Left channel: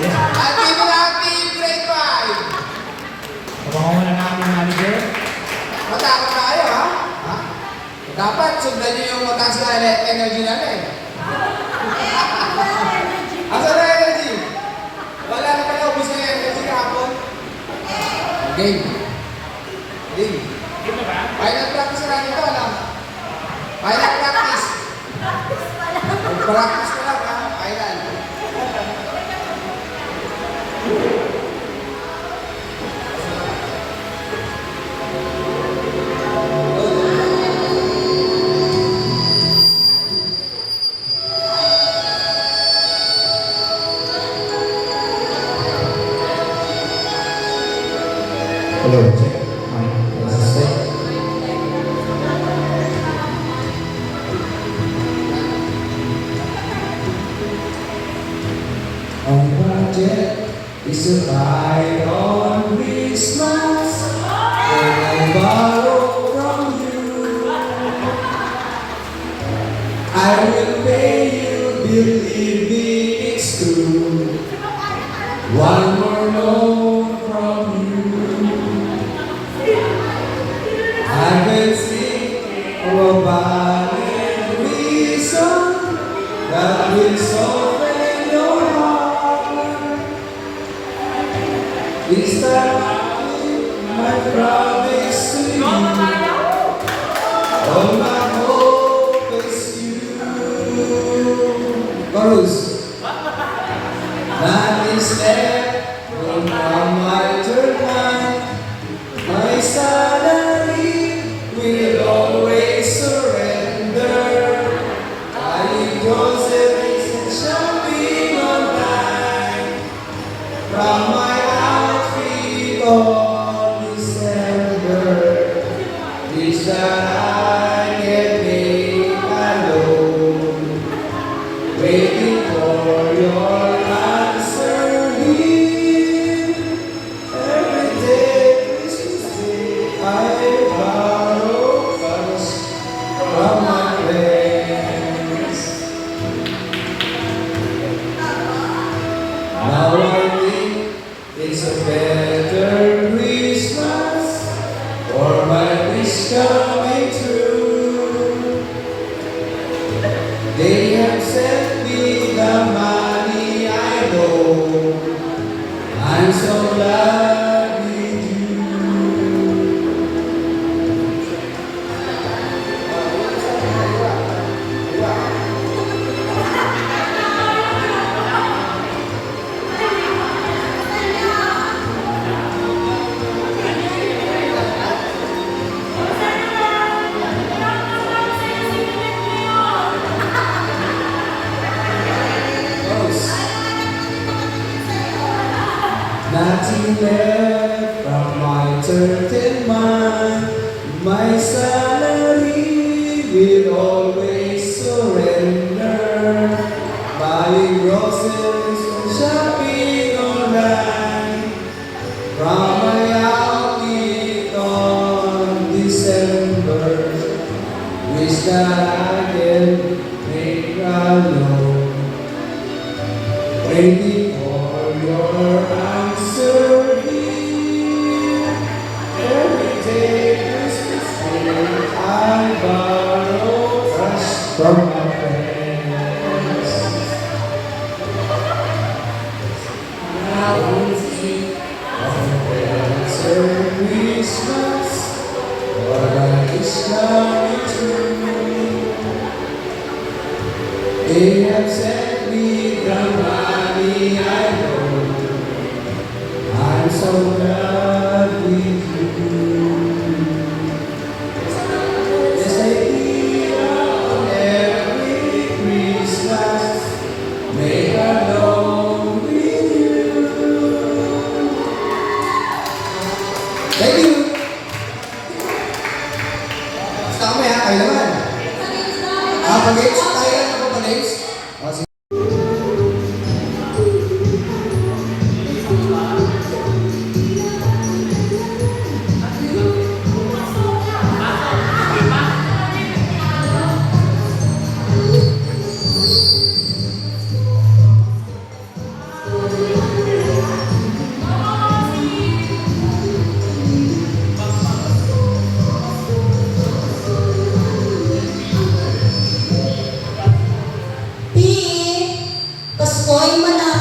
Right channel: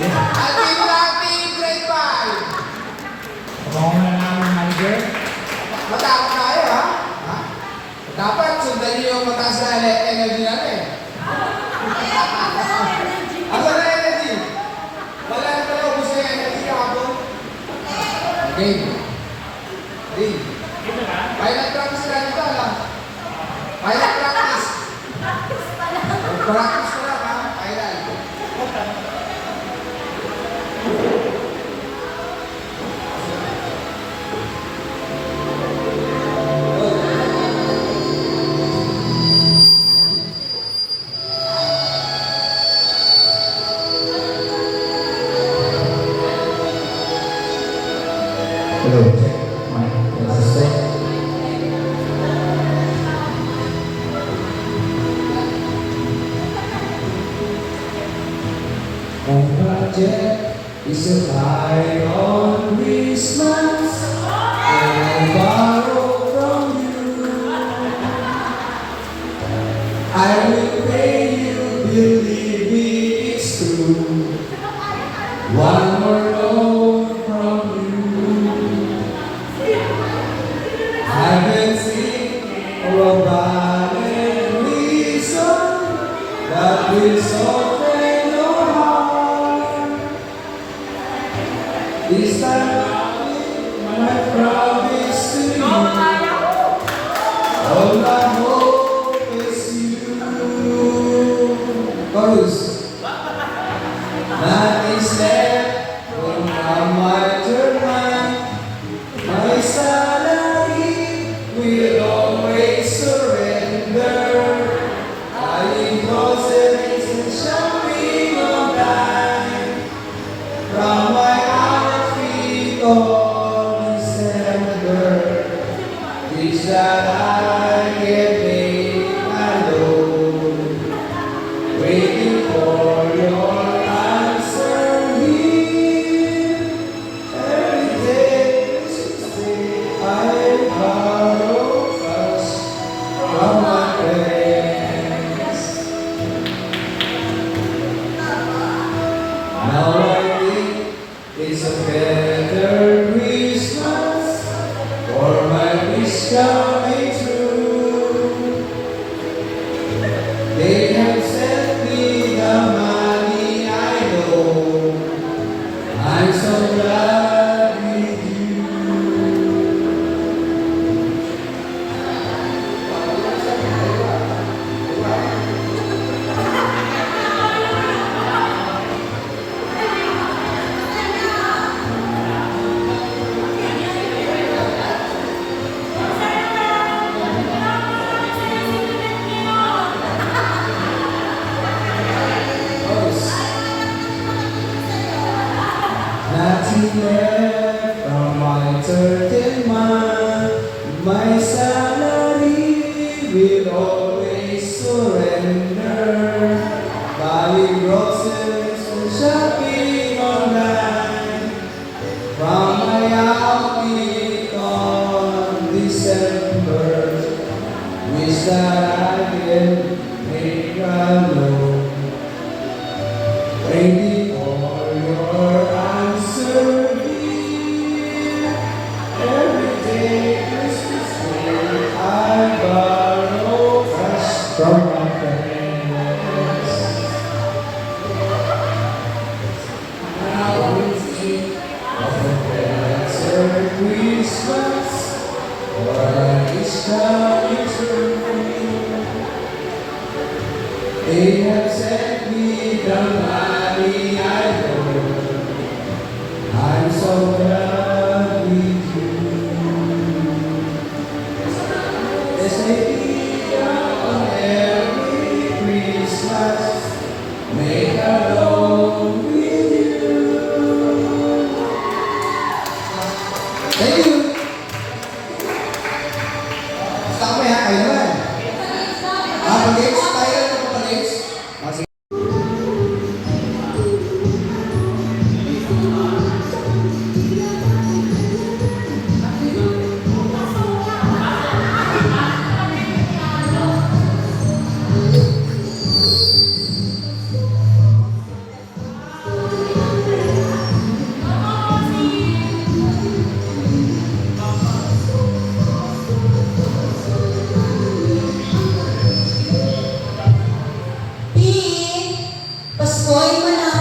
Happy Happy Grade 5! Abangan mo na lang ang manager. Matapos na kayo, ha? Ha? Dapat sundan niyo yung mataas na energy natin. Asa na energy? Wala na pala ubus yung energy kahapon. Game. Game. Final practice na natin ito, alam? Final practice. Practice ko lang, ha? Final. Hello, check. Assistant. Our project is a ride on Christmas. I borrow from you. I will pay you, believe me, it's true. One more loan from you. I've been thinking about a reason that will soften your heart. This time my promise to you, all my hope is you. Chorus. Nothing's left from my turn. My salary will always surrender. I will groceries and shopping online. From my outfit all December, this that I can make alone. Waiting for your answer here. Every day is Tuesday, I borrow first from my friends. Now I think it's a better Christmas for my wish coming true. They have sent me the money, I know. I'm so glad with you. Nothing left from my 13th month. My salary will always surrender. Buying groceries and shopping online. From my outfit on December, wish that I can make alone. Waiting for your answer here. Every day Christmas Day, I borrow cash from my friends. Now it's you of the answer Christmas, for that is coming true. They have sent me the money Pasko ay malapit.